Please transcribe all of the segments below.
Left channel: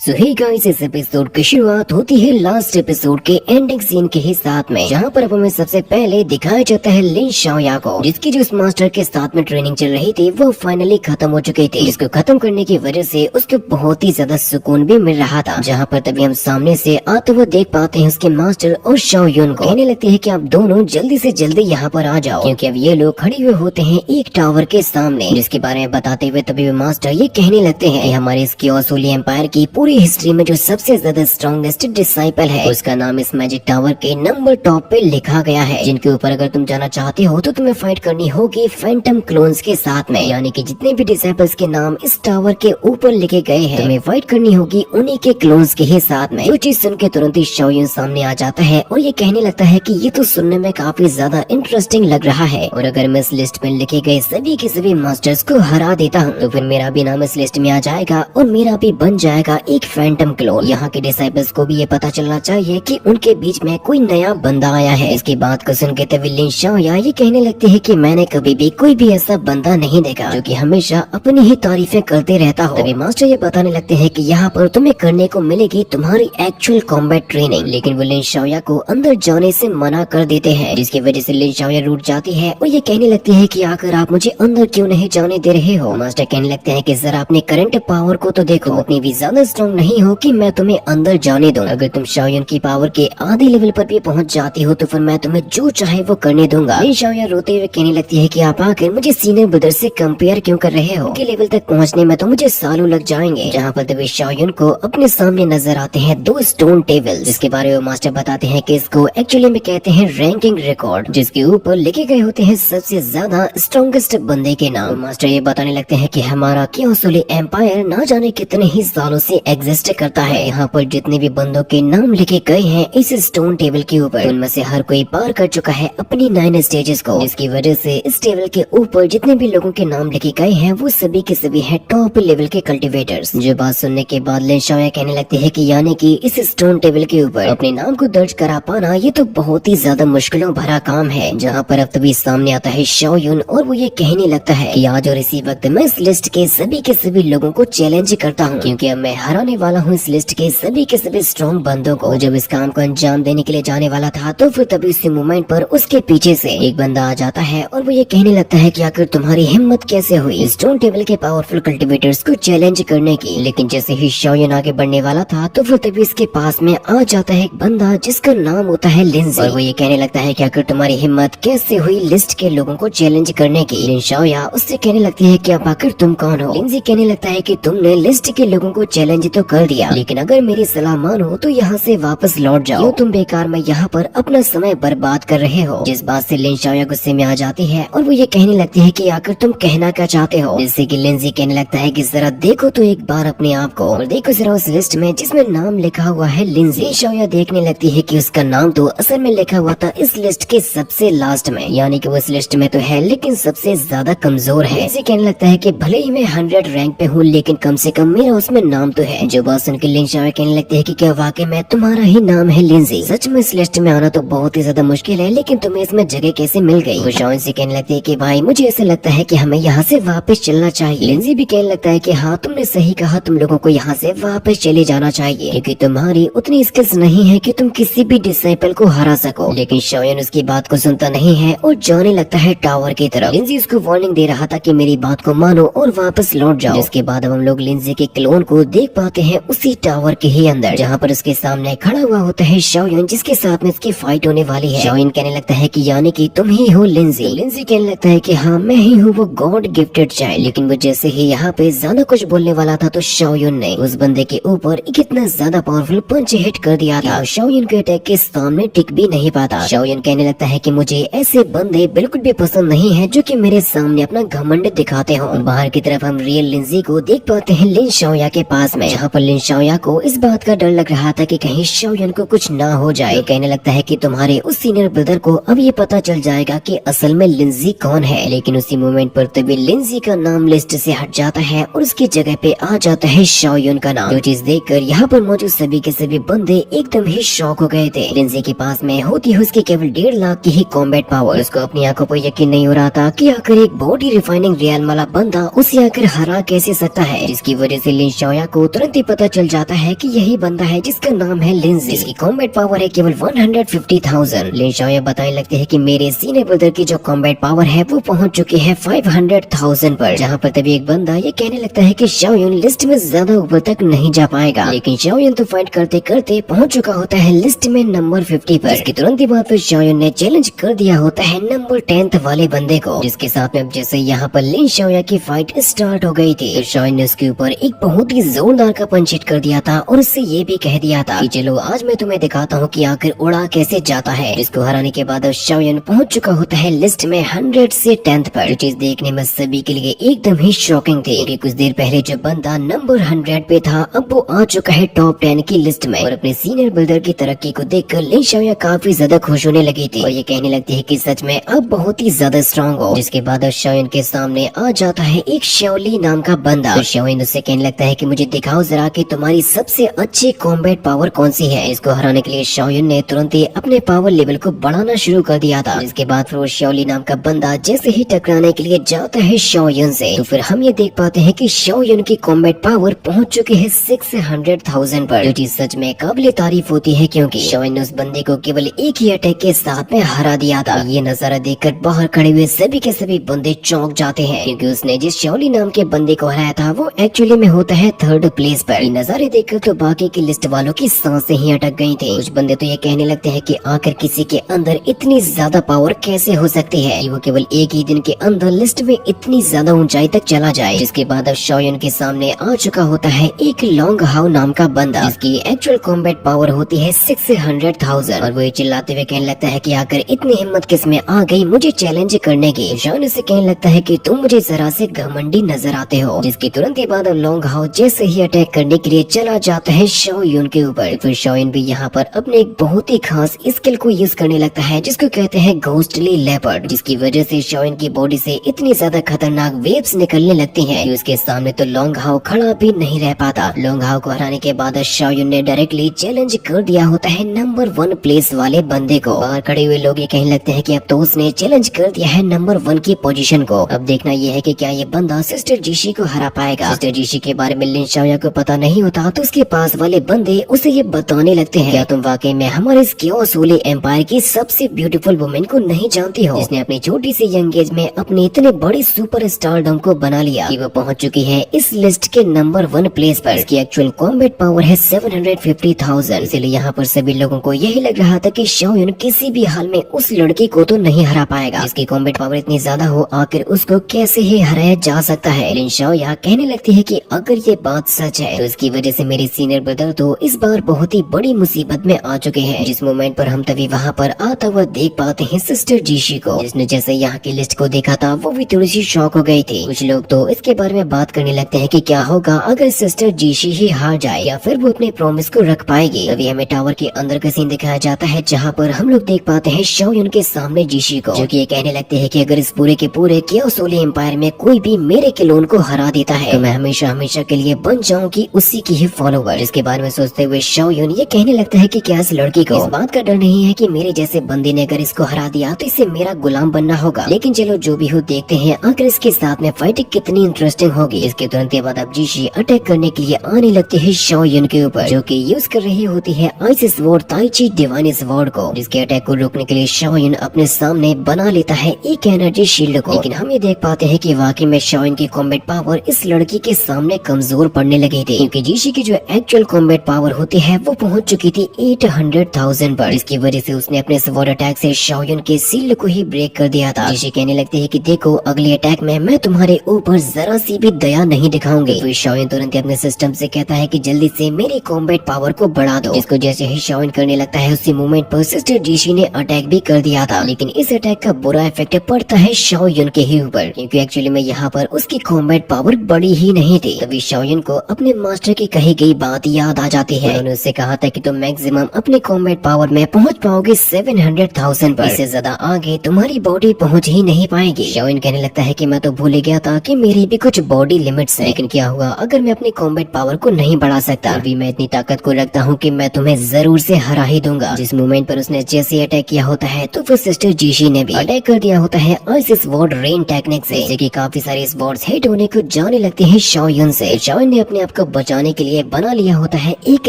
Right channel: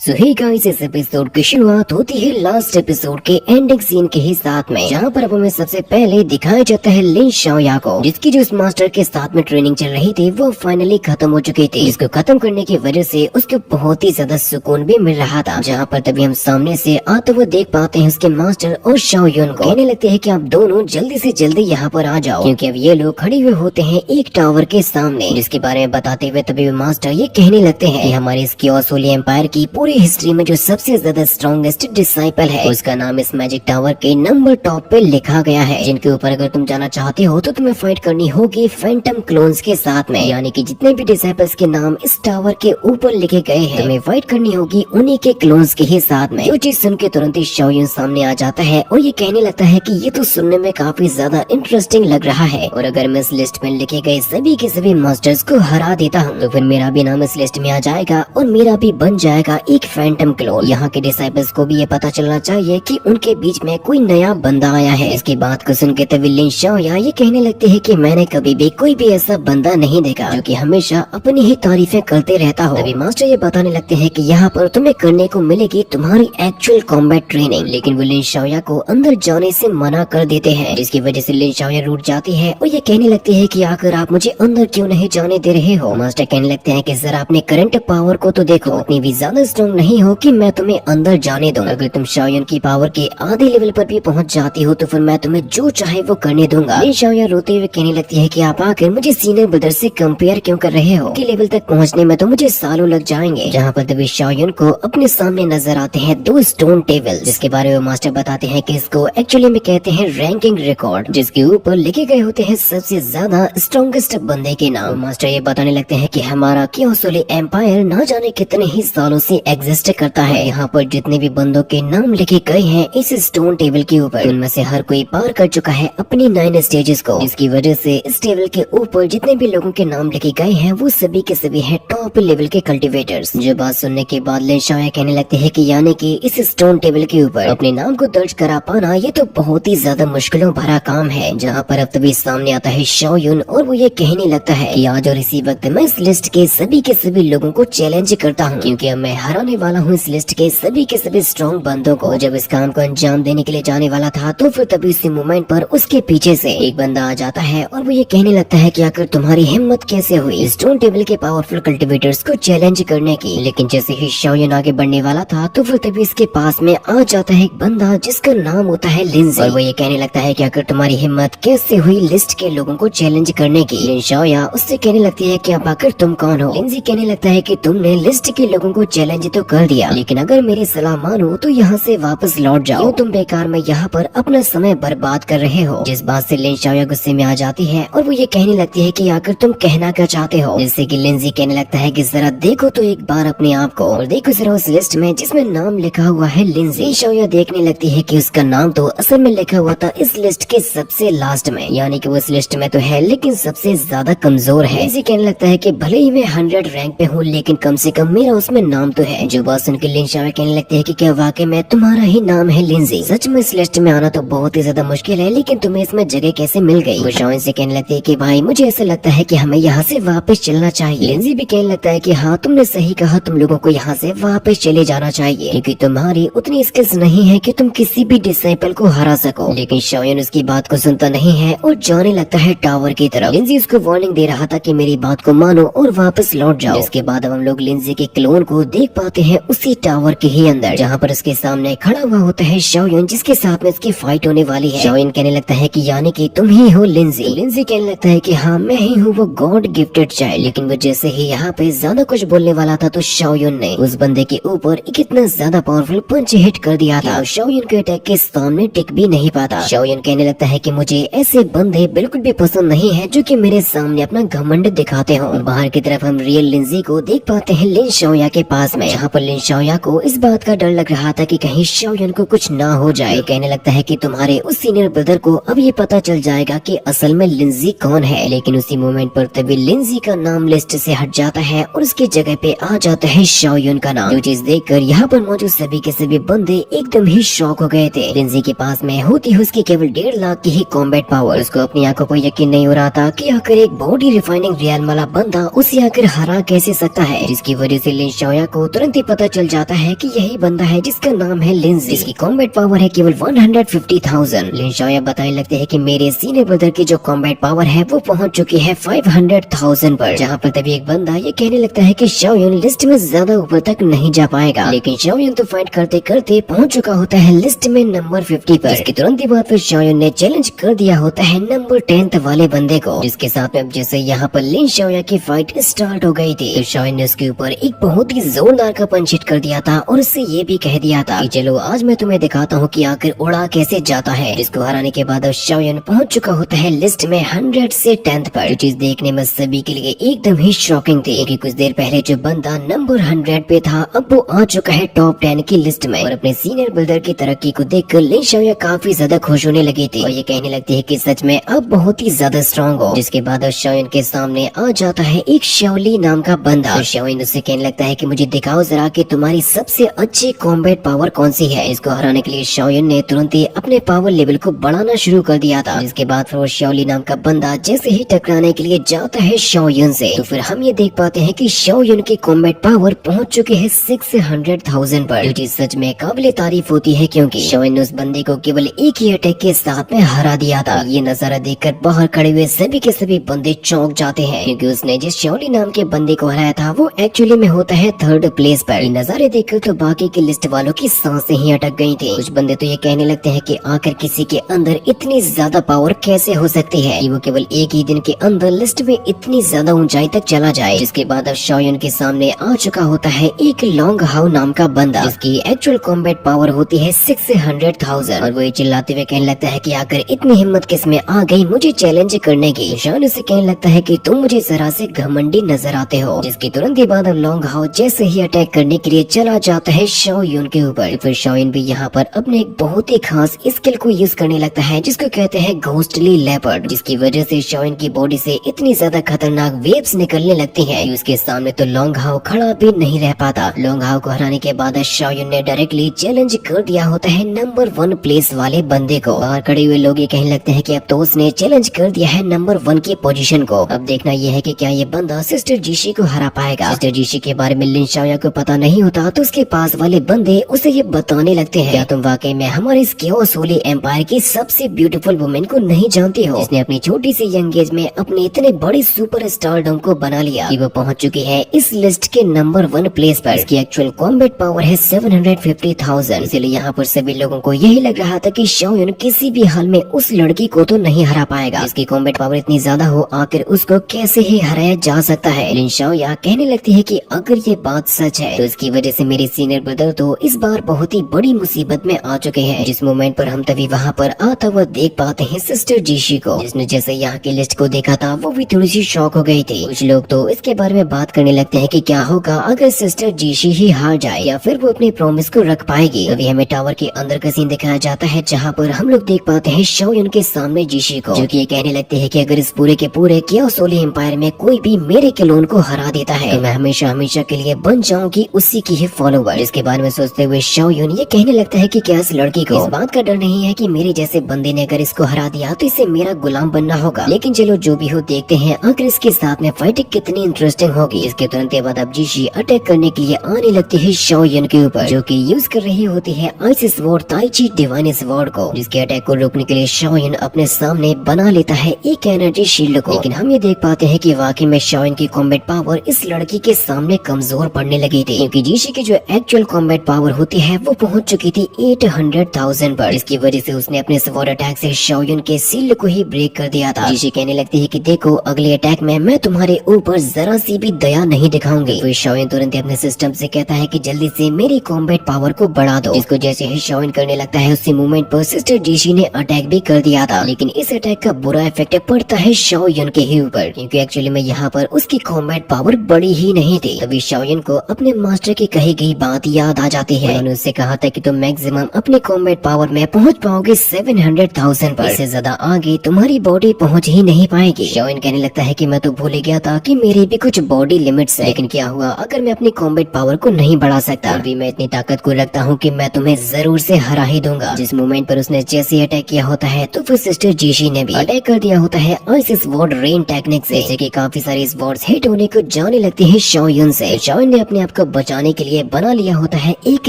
सो hey guys, इस episode की शुरुआत होती है लास्ट एपिसोड के एंडिंग सीन के ही साथ में, जहाँ पर अब हमें सबसे पहले दिखाया जाता है लिन शाओया को, जिसकी जो इस मास्टर के साथ में ट्रेनिंग चल रही थी वो फाइनली खत्म हो चुकी थी। इसको खत्म करने की वजह से उसको बहुत ही ज्यादा सुकून भी मिल रहा था। जहाँ पर तभी हम सामने से आते हुए देख पाते हैं उसके मास्टर और शाओयुन को। कहने लगते हैं कि आप दोनों जल्दी से जल्दी यहाँ पर आ जाओ, क्योंकि अब ये लोग खड़े हुए होते हैं एक टावर के सामने, जिसके बारे में बताते हुए तभी मास्टर ये कहने लगते हैं हमारे इसके ऑसोली एम्पायर की पूरी हिस्ट्री में जो सबसे ज्यादा स्ट्रॉन्गेस्ट डिसाइपल है उसका नाम इस मैजिक टावर के नंबर टॉप पे लिखा गया है, जिनके ऊपर अगर तुम जाना चाहते हो तो तुम्हें फाइट करनी होगी फैंटम क्लोन्स के साथ में। यानी कि जितने भी डिसाइपल्स के नाम इस टावर के ऊपर लिखे गए हैं तुम्हें फाइट करनी होगी उन्हीं के क्लोन्स के ही साथ में। जो चीज सुन के तुरंत ही शाओयुन सामने आ जाता है और ये कहने लगता है कि ये तो सुनने में काफी ज्यादा इंटरेस्टिंग लग रहा है, और अगर मैं इस लिस्ट में लिखे गए सभी के सभी मास्टर्स को हरा देता हूँ तो फिर मेरा भी नाम इस लिस्ट में आ जाएगा और मेरा भी बन जाएगा एक फैंटम क्लोन। यहाँ के डिसाइपल्स को भी ये पता चलना चाहिए कि उनके बीच में कोई नया बंदा आया है। इसकी बात को सुन के तभी लिन शाओया ये कहने लगते हैं कि मैंने कभी भी कोई भी ऐसा बंदा नहीं देखा जो कि हमेशा अपनी ही तारीफें करते रहता हो। तभी मास्टर ये बताने लगते हैं कि यहाँ पर तुम्हें करने को मिलेगी तुम्हारी एक्चुअल कॉम्बैट ट्रेनिंग, लेकिन वो लिन शाओया को अंदर जाने से मना कर देते हैं, जिसकी वजह से लिन शाओया रूठ जाती है और ये कहने लगती है कि आखिर आप मुझे अंदर क्यों नहीं जाने दे रहे हो। मास्टर कहने लगते हैं कि जरा अपने करंट पावर को तो देखो, उतनी भी ज्यादा स्ट्रॉन्ग नहीं हो कि मैं तुम्हें अंदर जाने दूं। अगर तुम शाओयुन की पावर के आधे लेवल पर भी पहुंच जाती हो तो फिर मैं तुम्हें जो चाहे वो करने दूंगा। लिन शाओया रोते हुए कहने लगती है कि आप आकर मुझे सीनियर ब्रदर से कंपेयर क्यों कर रहे हो, के लेवल तक पहुंचने में तो मुझे सालों लग जाएंगे। जहाँ पर तभी शाओयुन को अपने सामने नजर आते हैं दो स्टोन टेबल, जिसके बारे में मास्टर बताते हैं कि इसको एक्चुअली में कहते हैं रैंकिंग रिकॉर्ड, जिसके ऊपर लिखे गए होते हैं सबसे ज्यादा स्ट्रॉन्गेस्ट बंदे के नाम। मास्टर ये बताने लगते हैं कि हमारा क्योंसोले एम्पायर ना जाने कितने ही सालों से एग्जिस्ट करता है। यहाँ पर जितने भी बंदों के नाम लिखे गए हैं इस स्टोन टेबल के ऊपर, उनमें से हर कोई पार कर चुका है अपनी 9 स्टेजेस को, जिसकी वजह से इस टेबल के ऊपर जितने भी लोगों के नाम लिखे गए हैं वो सभी के सभी है टॉप लेवल के कल्टिवेटर्स। जो बात सुनने के बाद लिन शाओया कहने लगते हैं कि यानी कि इस स्टोन टेबल के ऊपर अपने नाम को दर्ज करा पाना ये तो बहुत ही ज्यादा मुश्किलों भरा काम है। जहाँ पर अब तभी सामने आता है शाओयुन और वो ये कहने लगता है कि आज और इसी वक्त मैं इस लिस्ट के सभी लोगों को चैलेंज करता हूँ, क्योंकि अब मैं हराने वाला हूँ इस लिस्ट के सभी स्ट्रॉन्ग बंदों को। जब इस काम को अंजाम देने के लिए जाने वाला था तो फिर तभी इसी मोमेंट पर उसके पीछे से एक बंदा आ जाता है और वो ये कहने लगता है कि आखिर तुम्हारी हिम्मत कैसे हुई स्टोन टेबल के पावरफुल कल्टिवेटर्स को चैलेंज करने की। लेकिन जैसे ही शाओयुन आगे बढ़ने वाला था तो फिर तभी इसके पास में आ जाता है एक बंदा जिसका नाम होता है लिंजी, और वो ये कहने लगता है कि आखिर तुम्हारी हिम्मत कैसे हुई लिस्ट के लोगों को चैलेंज करने की। लिन शाओया उससे कहने लगती है कि अब आखिर तुम कौन हो। लिंजी कहने लगता है कि तुमने लिस्ट के लोगों को चैलेंज तो कर दिया, लेकिन अगर मेरी सलाह मानो तो यहाँ से वापस लौट जाओ, क्यों तुम बेकार में यहाँ पर अपना समय बर्बाद कर रहे हो। जिस बात से लिन शाओया गुस्से में आ जाती है और वो ये कहने लगती है कि आखिर तुम कहना क्या चाहते हो। जिससे कि लिंजी कहने लगता है कि जरा देखो तो एक बार अपने आप को, और देखो जरा उस लिस्ट में जिसमें नाम लिखा हुआ है लिंजी। लिन शाओया देखने लगती है कि उसका नाम तो असल में लिखा हुआ था इस लिस्ट के सबसे लास्ट में, यानी कि वो इस लिस्ट में तो है लेकिन सबसे ज्यादा कमजोर है। लिंजी कहने लगता है कि भले ही मैं 100 रैंक पे हूँ लेकिन कम से कम मेरा उसमें नाम तो है। जो बात सुन के लिन शाओया कहने लगती है कि क्या वाकई में तुम्हारा ही नाम है लिंजी। सच में इस लिस्ट में आना तो बहुत ही ज्यादा मुश्किल है, लेकिन तुम्हें इसमें जगह कैसे मिल गई। वो शाओयुन से कहने लगती है कि भाई मुझे ऐसा लगता है कि हमें यहाँ से वापस चलना चाहिए। लिंजी भी कहने लगता है कि हाँ तुमने सही कहा, तुम लोगों को यहाँ से वापस चले जाना चाहिए, क्योंकि तुम्हारी उतनी स्किल्स नहीं है कि तुम किसी भी डिसाइपल को हरा सको। लेकिन शाओयुन उसकी बात को सुनता नहीं है और जाने लगता है टावर की तरफ। लिंजी उसको वार्निंग दे रहा था कि मेरी बात को मानो और वापस लौट जाओ। इसके बाद अब हम लोग लिंजी के क्लोन को देख पाते हैं उसी टावर के ही अंदर, जहाँ पर उसके सामने खड़ा हुआ होता है शाओयुन, जिसके साथ में उसकी फाइट होने वाली है। शाओयुन कहने लगता है कि यानी कि तुम ही हो लिंजी। लिंजी कहने लगता है कि हाँ मैं ही हूँ वो गॉड गिफ्टेड चाइल्ड। लेकिन वो जैसे ही यहाँ पे ज्यादा कुछ बोलने वाला था तो शाओयुन ने उस बंदे के ऊपर एक इतना ज्यादा पावरफुल पंच हिट कर दिया था, शाओयुन के अटैक के सामने टिक भी नहीं पाता। शाओयुन कहने लगता है कि मुझे ऐसे बंदे बिल्कुल भी पसंद नहीं है जो कि मेरे सामने अपना घमंड दिखाते हो। बाहर की तरफ हम रियल लिंजी को देख पाते हैं लिन शाओया के पास में, जहाँ पर लिन शाओया को इस बात का डर लग रहा था कि कहीं शाओयुन को कुछ ना हो जाए। तो कहने लगता है कि तुम्हारे उस सीनियर ब्रदर को अब ये पता चल जाएगा कि असल में लिंजी कौन है। लेकिन उसी मोमेंट पर तभी लिंजी का नाम लिस्ट से हट जाता है और उसकी जगह पे आ जाता है शाओयुन का नाम। जो चीज देखकर यहाँ पर मौजूद सभी के सभी बंदे एकदम ही शॉक हो गए थे। लिंजी के पास में होती है उसकी केवल 1.5 लाख की ही कॉम्बैट पावर। उसको अपनी आंखों पर यकीन नहीं हो रहा था कि आखिर एक बॉडी रिफाइनिंग रियल वाला बंदा उसे आकर हरा कैसे सकता है, जिसकी वजह से लिन शाओया को तुरंत तुरंत ही पता चल जाता है कि यही बंदा है जिसका नाम है लिंजी, जिसकी कॉम्बैट पावर है केवल 150,000। लिन शाओया बताने लगते हैं कि मेरे सीनियर ब्रदर की जो कॉम्बैट पावर है वो पहुंच चुकी है 500,000 पर। जहाँ पर तभी एक बंदा ये कहने लगता है कि शाओयुन लिस्ट में ज्यादा ऊपर तक नहीं जा पाएगा, लेकिन शाओयुन तो फाइट करते करते पहुंच चुका होता है लिस्ट में नंबर 50 पर। इसके तुरंत ही बाद फिर शाओयुन ने चैलेंज कर दिया होता है नंबर 10 वाले बंदे को, जिसके साथ में जैसे यहाँ पर लिन शाओया की फाइट स्टार्ट हो गई थी, तो शाओयुन ने उसके ऊपर एक बहुत ही जोरदार का पंच हिट कर दिया था और उससे ये भी कह दिया था कि चलो आज मैं तुम्हें दिखाता हूँ कि आखिर उड़ा कैसे जाता है। इसको हराने के बाद अब शाओयुन पहुंच चुका होता है लिस्ट में 100 से 10 पर। जो चीज देखने में सभी के लिए एकदम ही शॉकिंग थी, क्योंकि कुछ देर पहले जो बंदा नंबर 100 पे था अब वो आ चुका है टॉप 10 की लिस्ट में। और अपने सीनियर ब्रदर की तरक्की को देखकर लिन शाओया काफी ज्यादा खुश होने लगी थी और ये कहने लगती है कि सच में अब बहुत ही ज्यादा स्ट्रॉन्ग हो। जिसके बाद अब शाओयुन के सामने आ जाता है एक शाओली नाम का बंदा। तो शाओयुन उससे कहने लगता है कि मुझे दिखाओ जरा कि तुम्हारी सबसे अच्छी कॉम्बैट पावर कौन सी है। इसको हराने के लिए शाओयुन ने तुरंत ही अपने पावर लेवल को बढ़ाना शुरू कर दिया था। इसके बाद फिर वो शाओली नाम का बंदा जैसे ही टकराने के लिए जाता है शाओयुन से, तो फिर हम ये देख पाते हैं कि शाओयुन की कॉम्बैट पावर पहुंच चुकी है 600,000 पर, जो चीज सच में काबिल तारीफ होती है, क्योंकि शाओयुन ने उस बंदे को केवल एक ही अटैक के साथ में हरा दिया था। ये नजारा देखकर बाहर खड़े हुए सभी के सभी बंदे चौंक जाते हैं, क्योंकि उसने जिस शाओली नाम के बंदे को हराया था वो एक्चुअली में होता है 3rd प्लेस पर। ये नजारे देखकर तो बाकी की लिस्ट वालों की सांसें ही अटक गई थी। कुछ बंदे तो ये कहने लगते हैं कि आखिर किसी के अंदर इतनी ज्यादा पावर कैसे हो सकती है कि वो केवल एक ही दिन के अंदर लिस्ट में इतनी ज्यादा ऊंचाई तक चला जाए। जिसके बाद अब शाओयुन के सामने आ चुका होता है एक लॉन्ग हाउ नाम का बंदा, जिसकी एक्चुअल कॉम्बैट पावर होती है 600,000। और वो ये चिल्लाते हुए कहने लगता है कि आखिर इतनी हिम्मत किस में आ गई मुझे चैलेंज करने की। शाओयुन से कहने लगता है कि तुम मुझे जरा से घमंडी नजर आते हो। जिसके तुरंत ही बाद लॉन्ग हाउ जैसे ही अटैक करने के लिए चला जाता है शाओयुन के ऊपर। फिर शाओयुन भी यहाँ पर अपने एक बहुत ही खास स्किल को यूज करने लगता है जिसको कहते हैं घोस्टली लेपर्ड, जिसकी वजह से शाओयुन की बॉडी से इतनी ज्यादा खतरनाक वेव्स निकलने लगती हैं कि उसके सामने तो लॉन्ग हाउ खड़ा भी नहीं रह पाता। लॉन्ग हाउ को हराने के बाद शाओयुन ने डायरेक्टली चैलेंज कर दिया होता है नंबर 1 प्लेस वाले बंदे को। बाहर खड़े हुए लोग ये कहने लगते हैं कि अब तो उसने चैलेंज कर दिया है नंबर 1 की पोजीशन को। अब देखना यह है कि क्या ये बंदा सिस्टर जीशी को हरा पाएगा। सिस्टर जीशी के बारे में लिन शाओया को पता नहीं होता, तो उसके पास वाले बंदे उसे ये बताने लगते हैं, क्या तुम वाकई में हमारे इस क्योस होली एम्पायर की सबसे ब्यूटीफुल वुमेन को नहीं जानती हो, जिसने अपनी छोटी सी यंग एज में अपने इतने बड़ी सुपर स्टारडम को बना लिया कि वो पहुंच चुकी है इस लिस्ट के नंबर 1 प्लेस पर। इसकी एक्चुअल कॉम्बैट पावर है 750,000। इसलिए यहाँ पर सभी लोगों को यही लग रहा था कि शाओयुन किसी भी हाल में उस लड़की को तो नहीं हरा पाएगा। इसकी कॉम्बैट पावर इतनी ज्यादा हो आखिर उसको कैसे ही हराया जा सकता है। लिन शाओया कहने लगती है कि अगर ये बात सच है तो इसकी वजह से मेरे सीनियर ब्रदर तो इस बार बहुत ही बड़ी मुसीबत में आ चुके हैं। जिस मोमेंट पर हम तभी वहाँ पर आता हुआ देख पाते हैं सिस्टर जीशी को, जिसने जैसे यहाँ की लिस्ट को देखा था वो भी थोड़ी सी शॉक हो गई थी। कुछ लोग तो इसके बारे में बात करने लगते हैं कि क्या होगा अगर सिस्टर जीशी ही हार जाए या फिर वो अपने प्रॉमिस को रख पाएगी। तभी हमें टावर के अंदर का सीन दिखाया जाता है, जहाँ पर हम लोग देख पाते हैं शाओयुन के सामने जीशी को, जो कि ये कहने लगते हैं कि अगर इस पूरे के पूरे क्योस होली एम्पायर में कोई भी मेरे क्लोन को हरा देता है तो मैं हमेशा हमेशा के लिए बन जाऊंगी उसी की ही फॉलोवर। इसके बारे में सोचते हुए शाओयुन ये कहने लगता है कि क्या इस लड़की को इस बात का डर नहीं है कि मेरे जैसे बंदे ने अगर इसको हरा दिया तो इसे मेरा गुलाम बनना होगा। लेकिन चलो जो भी हो देखते हैं आखिर इसके साथ में फाइटिंग कितनी इंटरेस्टिंग होगी। इसके तुरंत बाद अब जीशी अटैक करने के लिए आने लगती है शाओयुन के ऊपर, जो कि यूज कर रही होती है ice sword tai chi divine sword को। जिसके अटैक को रोकने के लिए शाओयुन अपने सामने बना लेता है एक एनर्जी शील्ड को। लेकिन हम ये देख पाते हैं कि वाकई में शाओयुन की कॉम्बैट पावर इस लड़की के सामने कमजोर पड़ने लगी थी, क्योंकि जीशी की जो एक्चुअल कॉम्बैट पावर होती है वो पहुंच चुकी थी 800,000 पर। इसकी वजह से उसने अपने स्वॉर्ड अटैक से शाओयुन के शील्ड को ही ब्रेक कर दिया था। जीशी कहने लगती है कि देखो अगले अटैक में मैं तुम्हारे ऊपर जरा सी भी दया नहीं दिखाऊंगी। तो शाओयुन तुरंत अपने सिस्टम से कहता है कि जल्दी से मेरी कॉम्बैट पावर को बढ़ा दो। इसको जैसे ही शाओयुन करने लगता है उसी मोमेंट पर सिस्टर जीशी ने अटैक भी कर दिया था, लेकिन इस अटैक का बुरा इफेक्ट पड़ता है शाओयुन के ही ऊपर, क्योंकि एक्चुअली में यहाँ पर उसकी कॉम्बैट पावर बड़ी ही नहीं थी। तभी शाओयुन को अपने मास्टर की कही गई बात याद आ जाती है। उन्होंने उससे कहा था कि तुम मैक्सिमम अपनी कॉम्बैट पावर में पहुंच पाओगे 700,000 पर, इससे ज्यादा आगे तुम्हारी बॉडी पहुंच ही नहीं पाएगी। शाओयुन कहने लगता है कि मैं तो भूल गया था कि मेरी भी कुछ बॉडी लिमिट्स है, लेकिन क्या हुआ अगर मैं अपनी कॉम्बैट पावर को नहीं बढ़ा सकता। अभी मैं इतनी ताकत को रखता हूँ कि मैं तुम्हें जरूर से हरा ही दूंगा। जिस मोमेंट पर उसने जैसे अटैक किया होता है तो फिर सिस्टर जीशी ने भी अटैक कर दिया होता है आइस स्वॉर्ड रेन टेक्निक से, जैसे कि काफी सारे स्वॉर्ड्स हिट होने को जाने लगते हैं शाओयुन से। शाओयुन ने अपने आप खुद को बचाने के लिए बना लिया होता है एक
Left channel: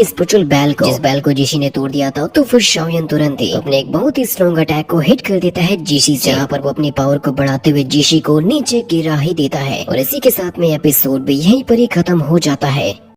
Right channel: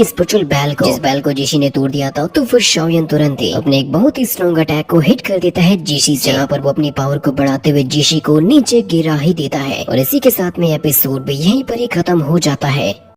स्पिरिचुअल बैल को। जिस बैल को जीशी ने तोड़ दिया था तो फिर शाओयन तुरंत ही अपने एक बहुत ही स्ट्रॉन्ग अटैक को हिट कर देता है जीशी से, जहाँ पर वो अपनी पावर को बढ़ाते हुए जीशी को नीचे गिरा ही देता है। और इसी के साथ में एपिसोड भी यहीं पर ही खत्म हो जाता है।